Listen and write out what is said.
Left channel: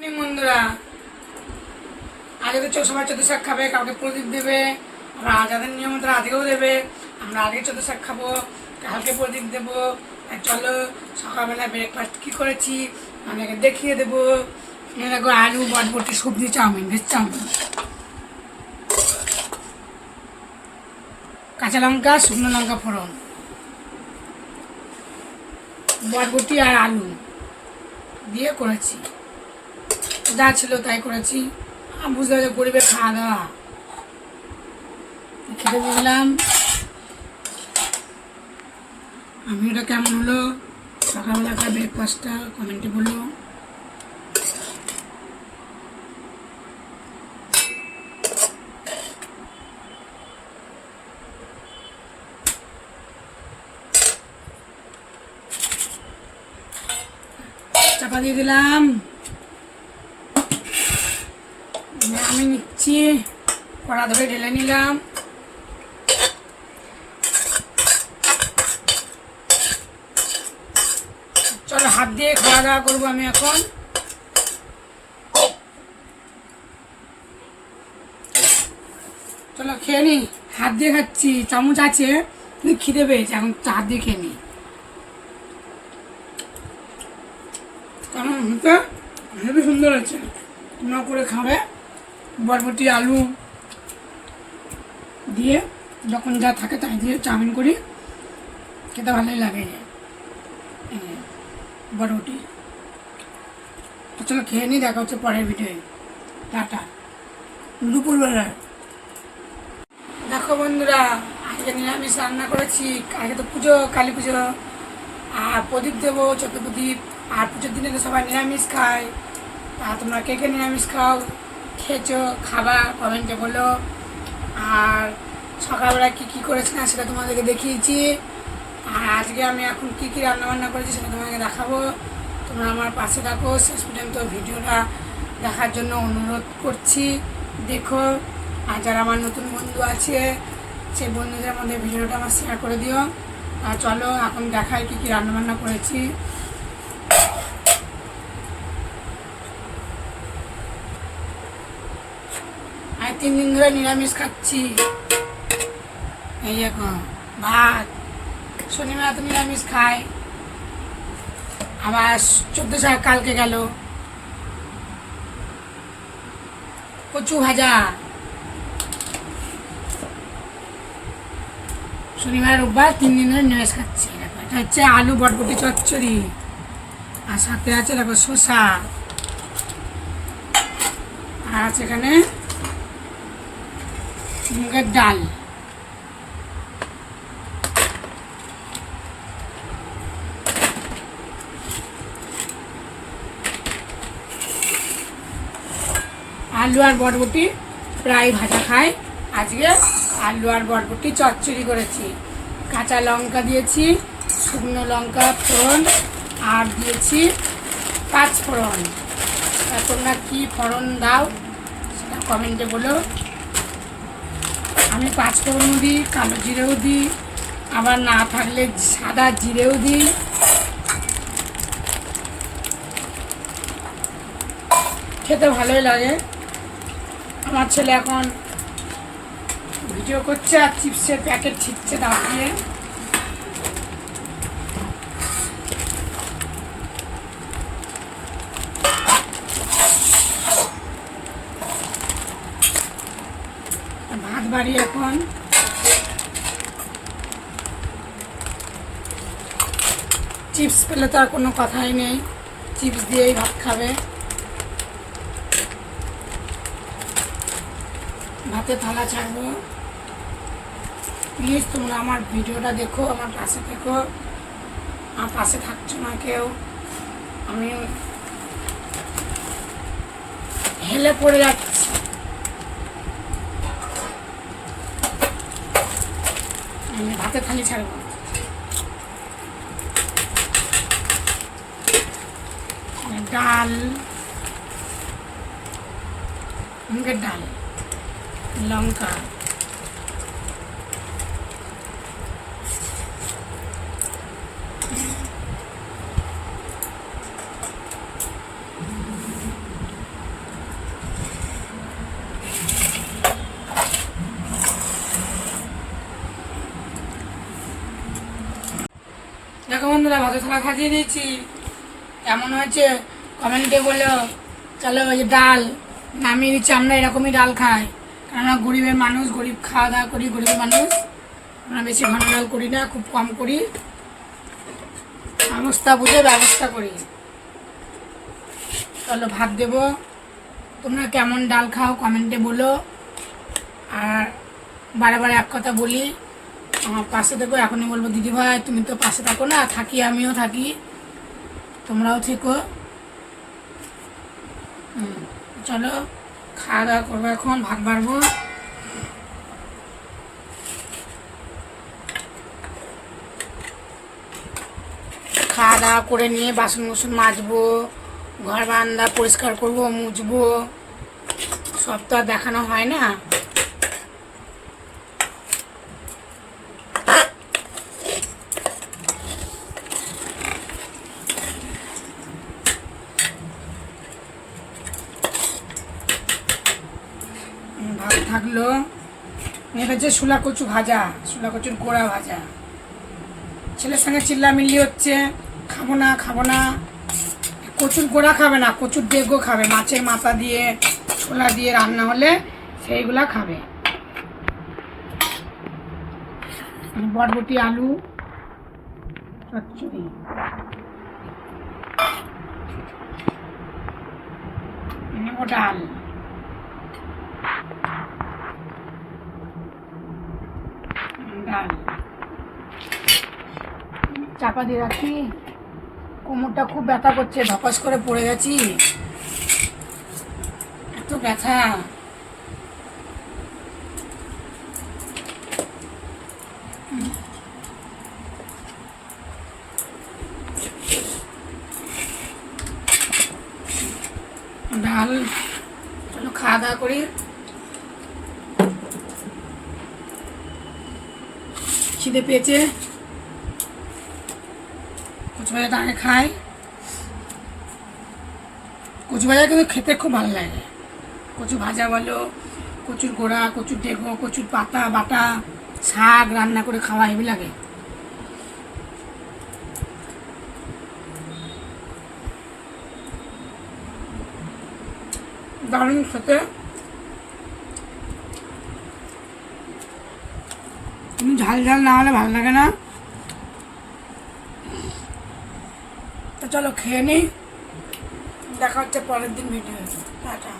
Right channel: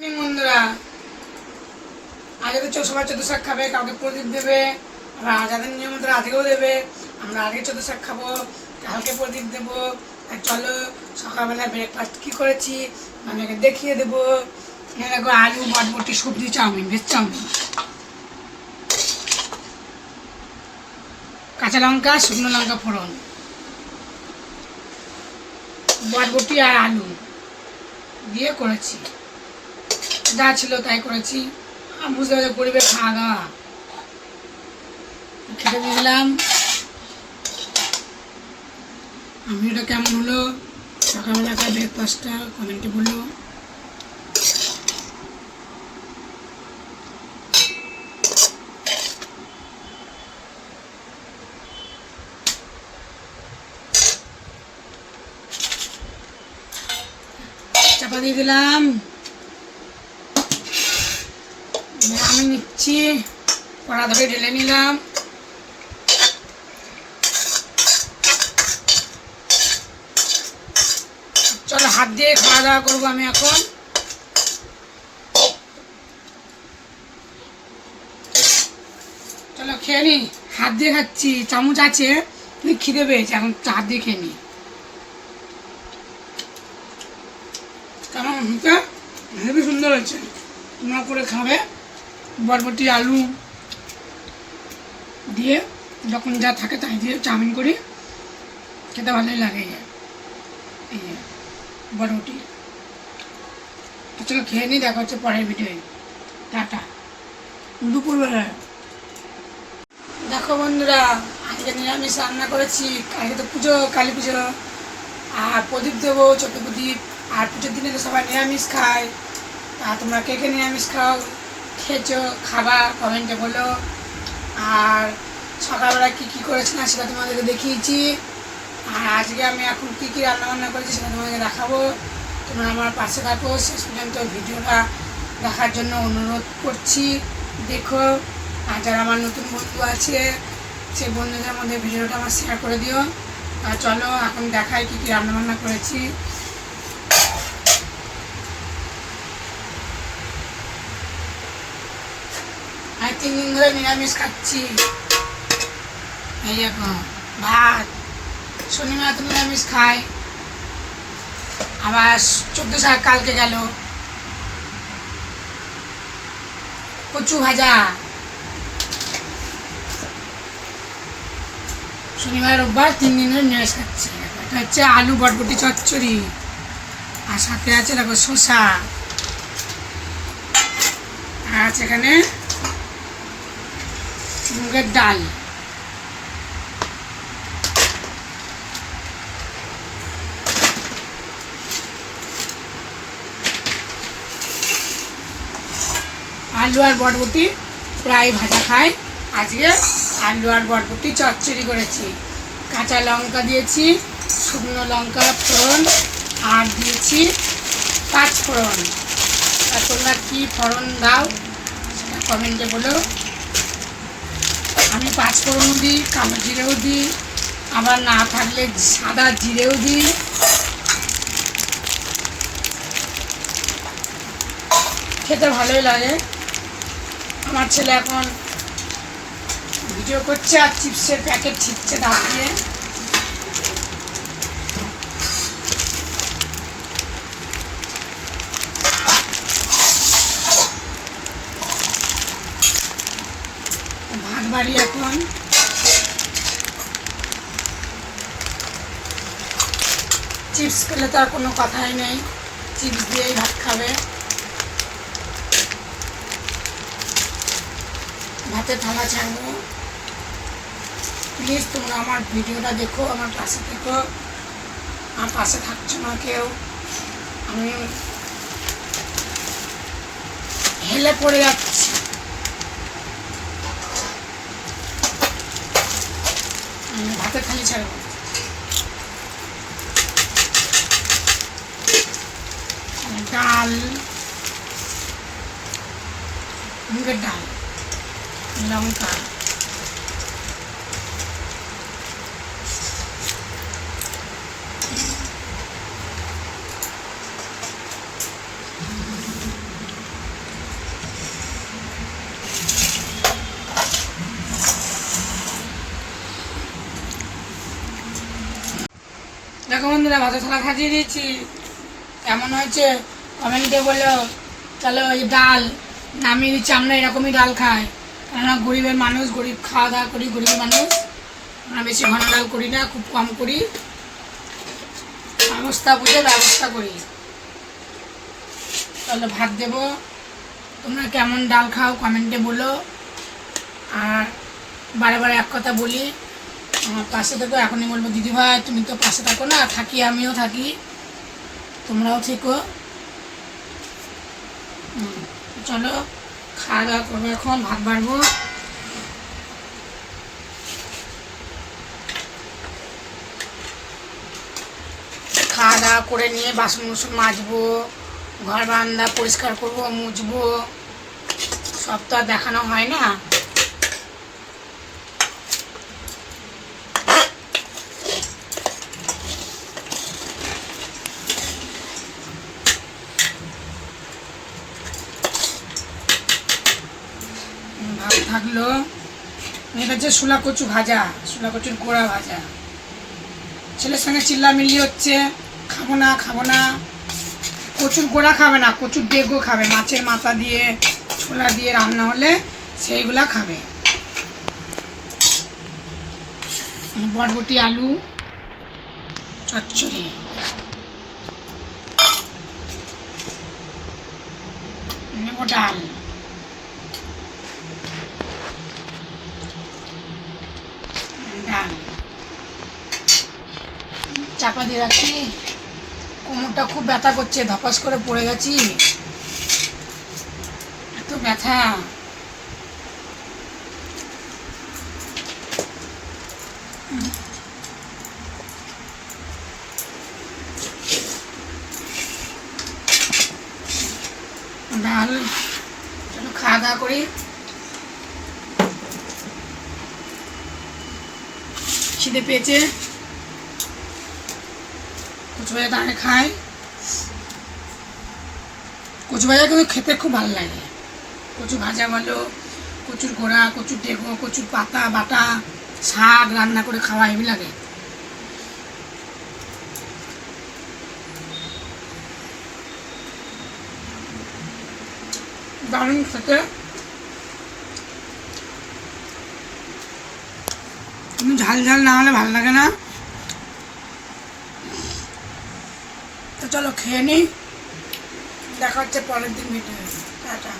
বন্ধুরা। আজকে তো সবাই চোদ্দ শাক খাবে, কাউকে প্রদীপ দেবে আর যাদের নিয়ম আজকেও দেবে, আমরা আজকে চোদ্দ শাক খাব, কালকে প্রদীপ দেবো চলো সকালবেলা ব্রেকফাস্ট কি করেছি আপনাকে দেখিয়ে দেবো। দেখো আলু বটবটি সবজি, চাউমিন, ভেজ চাউমিন। কাঁচা লঙ্কা, শুকনো লঙ্কা ফোড়ন। বটবটি আর আলু দিয়ে করেছি। যা ছিল, তাই করেছি। বুঝতে পারছি গরিবের খাওয়া দাওয়া খেতে দিলাম। আমি ওটা কেমন হলো? সকালবেলাকার ব্রেকফাস্টটা কমেন্টে বলল। চাপা দিয়ে দিলাম। আমি নিচ্ছি। কড়া ধরে ঢেলে নিলাম। চলো হাত দিয়ে খাওয়া দাওয়া করব আমি এখন। চলো খেয়ে নি। হাত দিয়ে খাচ্ছি। চামচ আছে। খিদে পেয়েছে। এখন হাত দিয়ে খেয়ে নি। কেমন? হচ্ছে হেবি সুন্দর হয়েছে। তোমরা করে খাবে। বরবটি, আলু দিয়ে যখন যা থাকে তাই দিয়ে চাউমিন করি। খেতে ভালোই লাগে। বরবটি। চলো খেয়ে নিই, দেখা হচ্ছে পরের ভিডিওয়ে টাটা। দুপুরবেলা। দেখো বন্ধুরা, আজকে নিরামিষ রান্না করেছি। আজকে তো পুজো, কালী পুজো। আর প্রদীপ দেবো ছোটো প্রদীপ আর পুজোর দিনে তো সবাই নিরামিষ খায়। তা তোমরা কে কে নিরামিষ খাও? খেয়েছো, খাবা কমেন্টে বলো। আর সকালবেলা কী কী করেছি না সেটা তোমাদেরকে দেখিয়েছি। আর আজকে আমি এখন কী কী রান্নাবান্না করেছি সেটা তোমাদেরকে দেখাবো। তোমরা আমার পাশে থাকো। শেষ পর্যন্ত ভিডিওটা দেখার জন্য অনুরোধ করছি। দেখো, আর যারা আমার নতুন বন্ধু আছে, সেই বন্ধুদের মধ্যে ভিডিওটা আমার শেয়ার করে দিও। আর চলো, এখন দেখাই কী কী রান্নাবান্না করেছি। আমি তিন দিন ধরে নিরামিষ খাচ্ছি। এই দেখো, ভাত। শনিবার তো নিরামিষ খাই। আবার চোদ্দ শাক কালকে গেল। কচু ভাজা। শনিবার, রোববার তিন দিন ধরে নিরামিষ খাচ্ছি। এটা হচ্ছে আলু বটবটি চচ্চড়ি। আর সাথে আছে দেখো শসা। আর আছে এখানে মুগের ডাল। আলু আর বরবটি প্রায় ভাজা খাই আজকে আলু আর বরবটি চচ্চড়ি করেছি। কাঁচা লঙ্কা দিয়েছি, শুকনো লঙ্কা ফোড়ন, আর দিয়েছি পাঁচ ফোড়ন। তোমরা কী ফোড়ন দাও, সেটা কমেন্টে বলো। আমি পাঁচ ফোড়ন দিই, কালো জিরেও দিই, আবার না থাকলে সাদা জিরেও দিই। খেতে ভালোই লাগে। আমার ছেলে এখন ভিডিও করছে আর চিপসের প্যাকেট ছিটছে দাঁত ভাত বাড়ি এখন। চিপস খেলে তো আর কোনো কথাই নেই। চিপস দিয়েই ভাত খাবে। ভাতে থালা ছাড়বো। প্লিজ তোমরা আমার ভিডিওটা দেখো, আমার পাশে দেখো আমার পাশে থাকছো না কেউ। আমি হেলে পড়ে যাচ্ছি আমি ভাতের থালি ছাড়বো ডাল মুগের ডাল লঙ্কা বন্ধুরা ভাত থালা সাজিয়ে দিয়েছি। কেমন হয়েছে? কমেন্টে বলো। চলো ওই ডাল নামিয়ে দিচ্ছি, আমরা এরকমই ডাল খাই। আমরা গরিবের মানুষ, গরিব খাওয়া দাওয়া করি, গরিবের মানুষ। আমরা বেশি ঘন ডাল করি না, খুব কম করি। অবস্থা বুঝে ব্যবস্থা করি। চলো, ভাত দেবো। তোমরা কেমন ডাল খাও কমেন্টে বলো। আর বারে বারে এক কথা বলি আমার পাশে থেকো, এখনই বলব, দিদি ভাই, তুমি তো পাশে থাকো না, থাকি, আমিও থাকি। তোমরাও থেকো। চলো খাওয়া দাওয়া করব এখন, ভাত বাড়বো। খাওয়া দাওয়া করে নিয়ে বাসন মুসন মাজবো, ঘর বারান্দা পরিষ্কার করব, মুছবো। সব তো আর দেখানো হয় না ভাত থাকল হচ্ছে শুলা কচু ভাজা শুলা কচুর গোড়া ভাজা। ছেলের সঙ্গে চিল্লামিল্লি হচ্ছে, খাব না খাব না। কচুর গোড়া খাবে না, কচুর ডেগো খাবে, মাছের মাথা দিয়ে, ছোলা দিয়ে রান্না হলে সেইগুলা খাবে। বরবটি, আলু, চচ্চড়ি। ডাল ডাল চাপা দিয়ে রাখি কোমরটা খুব ব্যথা করছে, ধপাস করে পড়ে গেছি। এত ব্যথা। ডাল খাওয়া দাওয়া করি। খিদে পেয়েছে। কচু ভাজা টানে খাই। কচু ভাজা কিন্তু খেতে খুব ভালো লাগে। কচু ভাজা বলো, কচুর গোড়া, কচুর ডেগো, কচুর পাতা, বাটা, শাক রান্না করে খাওয়া হেবি লাগে। দারুণ খেতে। ঝাল ঝাল না হলে ভালো লাগে না। তো চলো খেয়ে নিই দেখা হচ্ছে পরের দিন ভিডিও টাটা।